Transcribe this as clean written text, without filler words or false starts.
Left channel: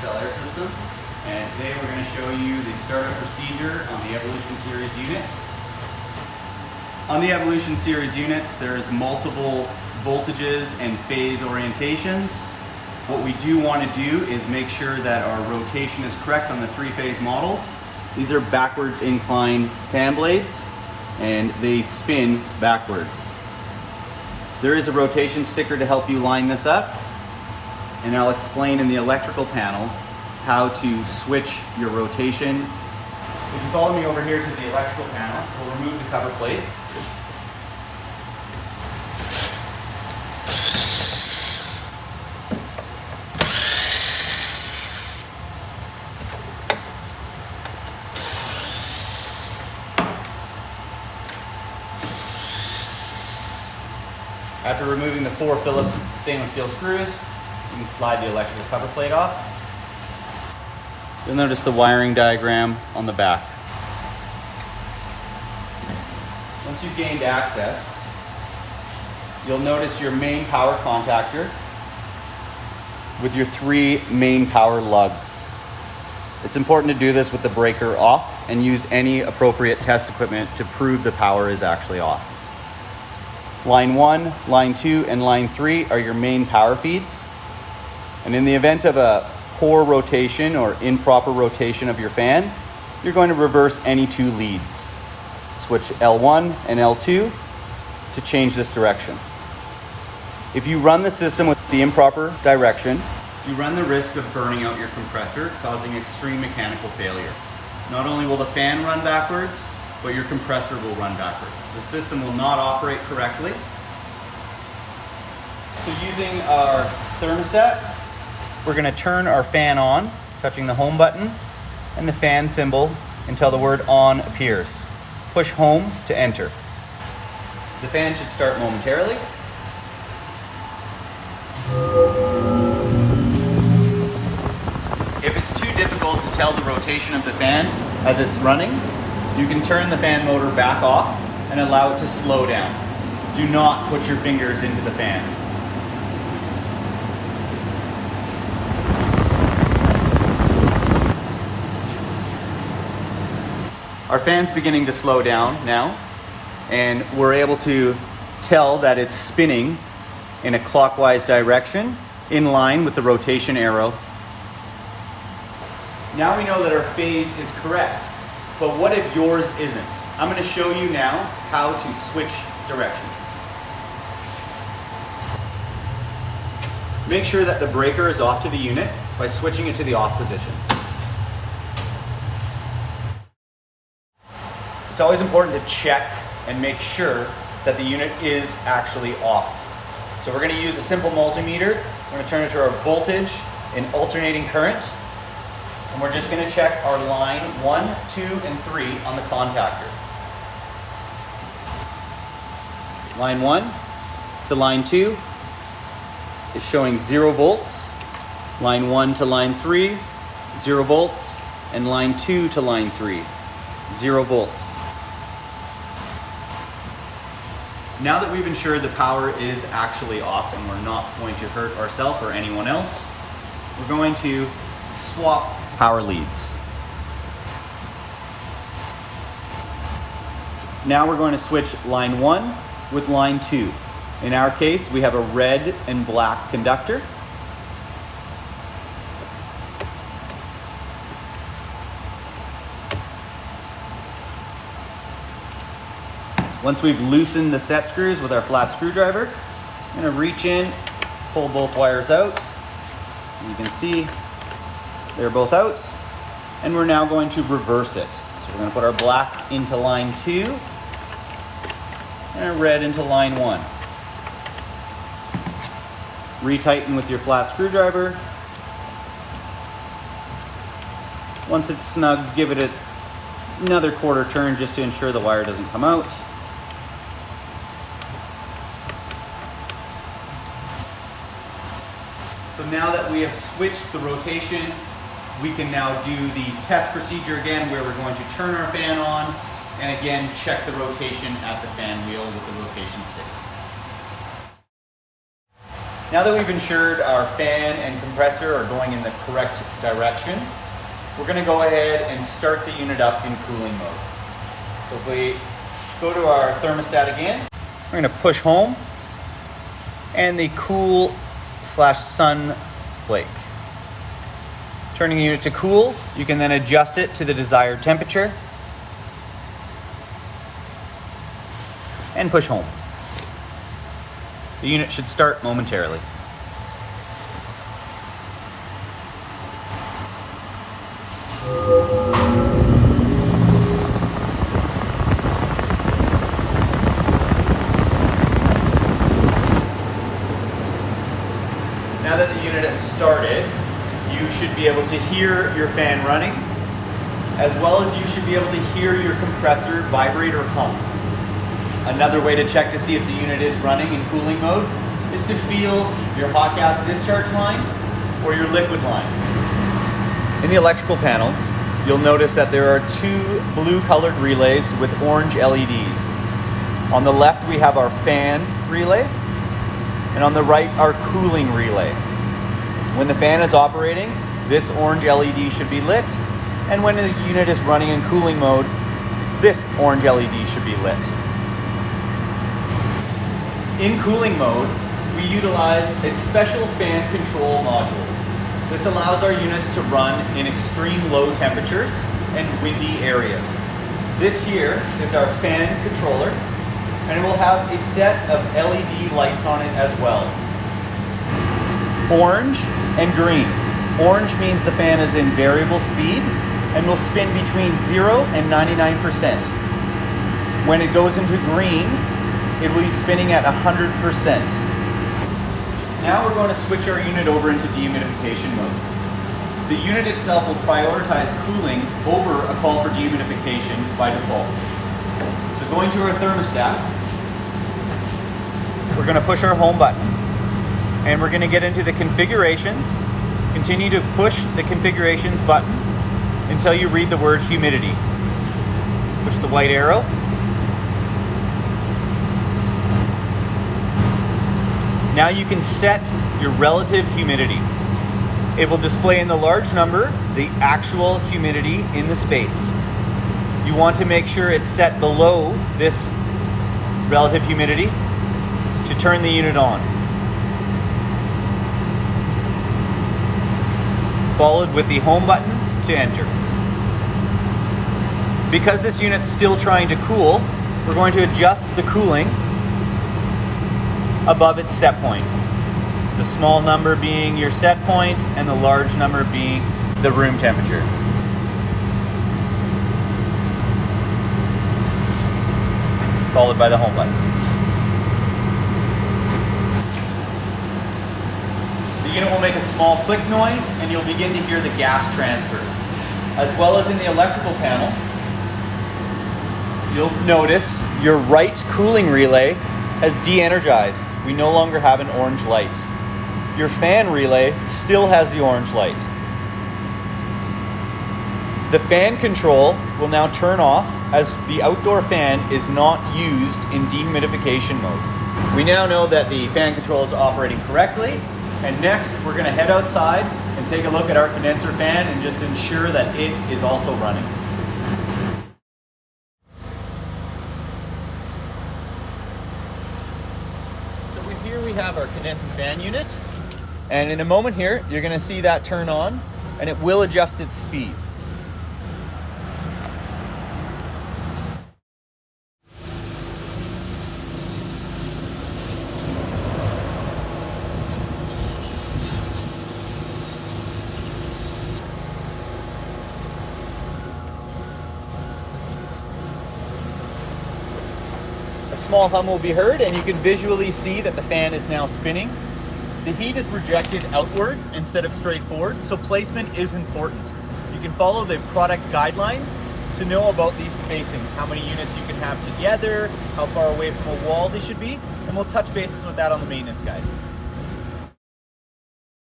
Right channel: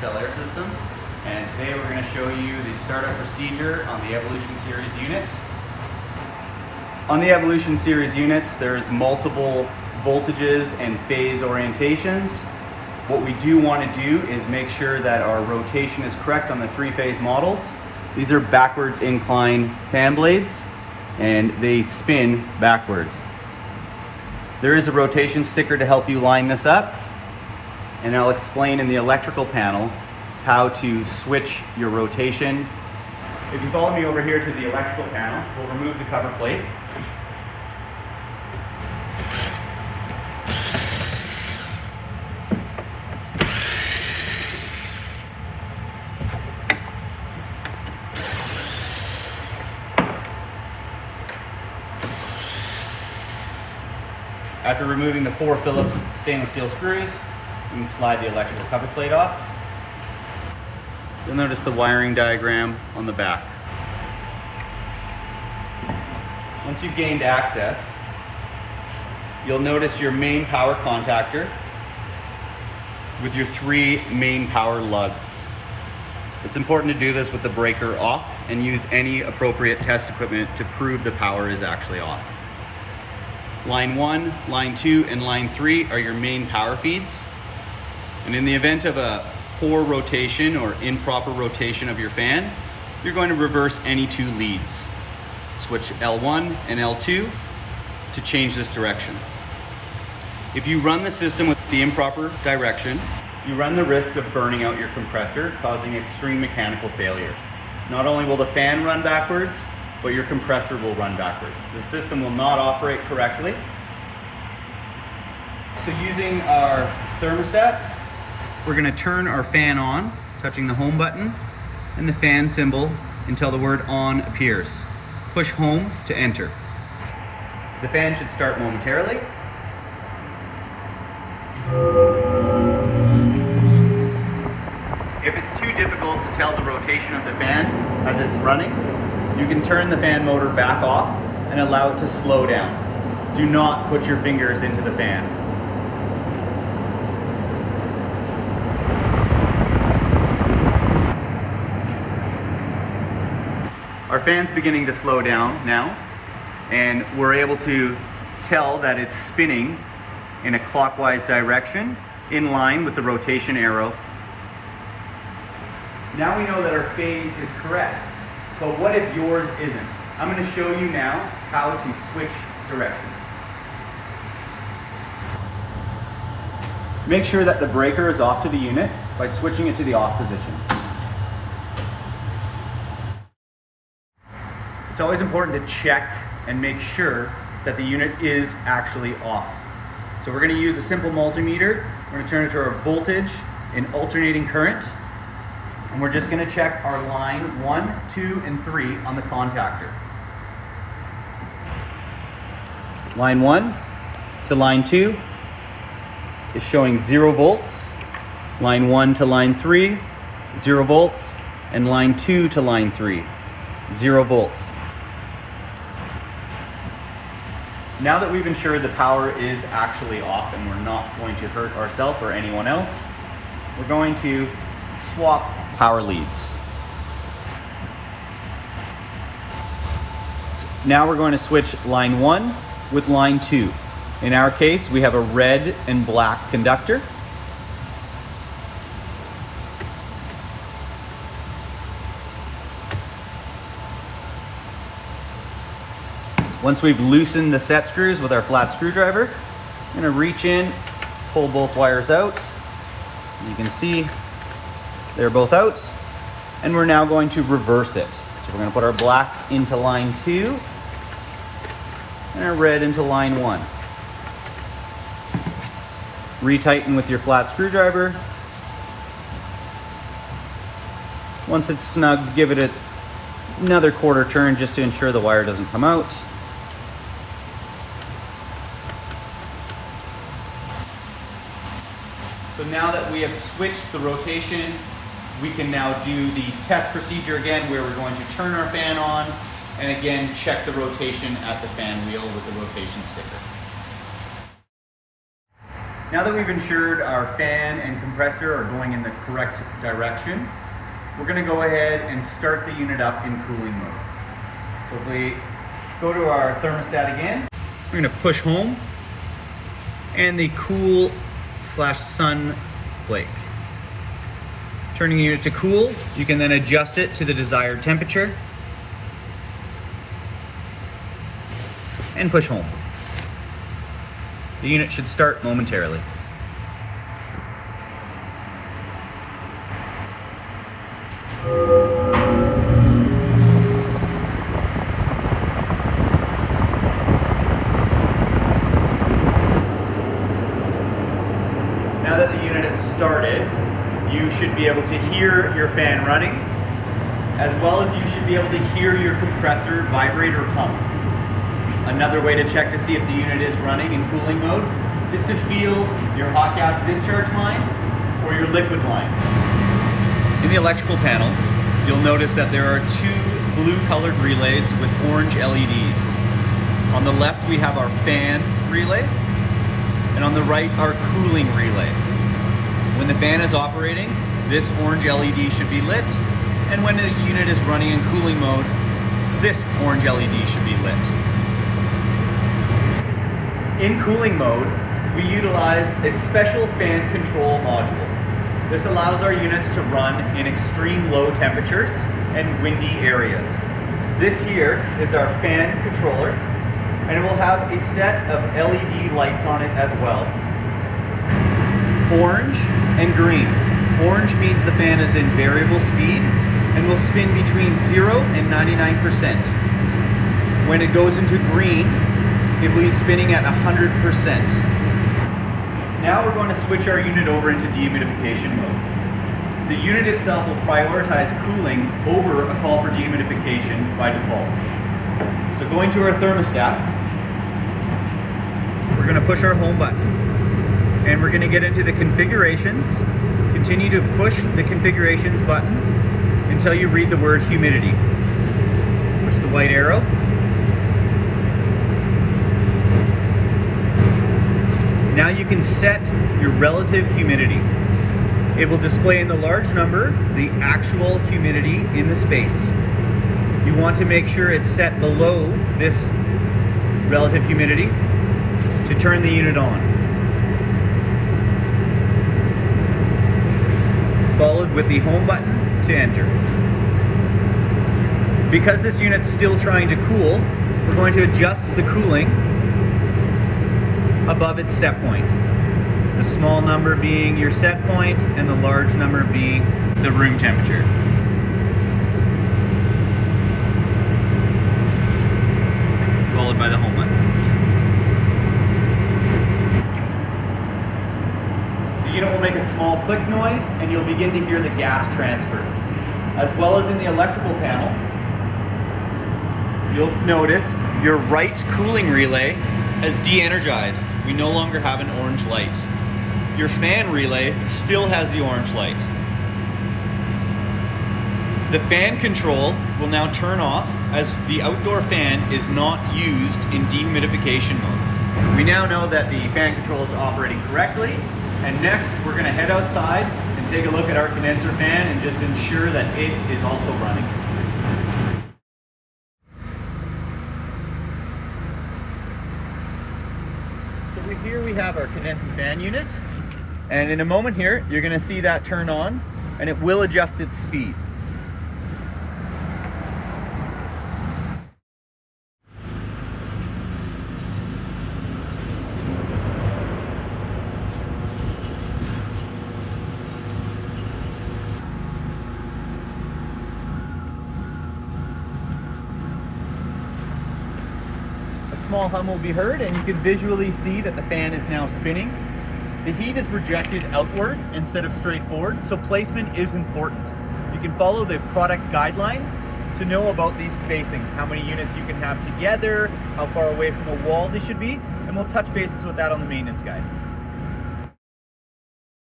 Cell air systems, and today we're going to show you the startup procedure on the Evolution Series units. On the Evolution Series units, there's multiple voltages and phase orientations. What we do want to do is make sure that our rotation is correct on the three-phase models. These are backwards incline fan blades, and they spin backwards. There is a rotation sticker to help you line this up, and I'll explain in the electrical panel how to switch your rotation. If you follow me over here to the electrical panel, we'll remove the cover plate. After removing the 4 Phillips stainless steel screws, you can slide the electrical cover plate off. You'll notice the wiring diagram on the back. Once you've gained access, you'll notice your main power contactor with your 3 main power lugs. It's important to do this with the breaker off and use any appropriate test equipment to prove the power is actually off. Line 1, line 2, and line 3 are your main power feeds. And in the event of a poor rotation or improper rotation of your fan, you're going to reverse any 2 leads. Switch L1 and L2 to change this direction. If you run the system with the improper direction, you run the risk of burning out your compressor, causing extreme mechanical failure. Not only will the fan run backwards, but your compressor will run backwards. The system will not operate correctly. So using our thermostat, we're going to turn our fan on, touching the home button and the fan symbol until the word on appears. Push home to enter. The fan should start momentarily. If it's too difficult to tell the rotation of the fan as it's running, you can turn the fan motor back off and allow it to slow down. Do not put your fingers into the fan. Our fan's beginning to slow down now, and we're able to tell that it's spinning in a clockwise direction in line with the rotation arrow. Now we know that our phase is correct. But what if yours isn't? I'm going to show you now how to switch directions. Make sure that the breaker is off to the unit by switching it to the off position. It's always important to check and make sure that the unit is actually off. So we're going to use a simple multimeter. We're going to turn it to our voltage in alternating current. And we're just going to check our line 1, 2, and 3 on the contactor. Line 1 to line 2 is showing 0 volts. Line 1 to line 3, 0 volts. And line 2 to line 3, 0 volts. Now that we've ensured the power is actually off and we're not going to hurt ourselves or anyone else, we're going to swap power leads. Now we're going to switch line 1 with line 2. In our case, we have a red and black conductor. Once we've loosened the set screws with our flat screwdriver, I'm going to reach in, pull both wires out. You can see they're both out, and we're now going to reverse it. So we're going to put our black into line 2 and our red into line 1. Retighten with your flat screwdriver. Once it's snug, give it another quarter turn just to ensure the wire doesn't come out. So now that we have switched the rotation, we can now do the test procedure again, where we're going to turn our fan on and again check the rotation at the fan wheel with the rotation sticker. Now that we've ensured our fan and compressor are going in the correct direction, we're going to go ahead and start the unit up in cooling mode. So if we go to our thermostat again, we're going to push home and the cool/sun flake. Turning the unit to cool, you can then adjust it to the desired temperature and push home. The unit should start momentarily. Now that the unit has started, you should be able to hear your fan running, as well as you should be able to hear your compressor vibrate or pump. Another way to check to see if the unit is running in cooling mode is to feel your hot gas discharge line or your liquid line. In the electrical panel, you'll notice that there are two blue colored relays with orange LEDs. On the left we have our fan relay, and on the right our cooling relay. When the fan is operating, this orange LED should be lit, and when the unit is running in cooling mode, this orange LED should be lit. In cooling mode, we utilize a special fan control module. This allows our units to run in extreme low temperatures and windy areas. This here is our fan controller, and it will have a set of LED lights on it as well. Orange and green. Orange means the fan is in variable speed and will spin between 0 and 99%. When it goes into green, it will be spinning at 100%. Now we're going to switch our unit over into dehumidification mode. The unit itself will prioritize cooling over a call for dehumidification by default. So going to our thermostat, we're going to push our home button. And we're going to get into the configurations. Continue to push the configurations button until you read the word humidity. Push the white arrow. Now you can set your relative humidity. It will display in the large number the actual humidity in the space. You want to make sure it's set below this relative humidity to turn the unit on. Followed with the home button to enter. Because this unit's still trying to cool, we're going to adjust the cooling above its set point. The small number being your set point and the large number being the room temperature. Followed by the home button. The unit will make a small click noise and you'll begin to hear the gas transfer. As well as in the electrical panel, you'll notice your right cooling relay has de-energized. We no longer have an orange light. Your fan relay still has the orange light. The fan control will now turn off as the outdoor fan is not used in dehumidification mode. We now know that the fan control is operating correctly, and next we're going to head outside and take a look at our condenser fan and just ensure that it is also running. So here we have our condensing fan unit, and in a moment here you're going to see that turn on and it will adjust its speed. A small hum will be heard, and you can visually see that the fan is now spinning. The heat is projected outwards instead of straight forward, so placement is important. You can follow the product guidelines to know about these spacings, how many units you can have together, how far away from a wall they should be, and we'll touch bases with that on the maintenance guide.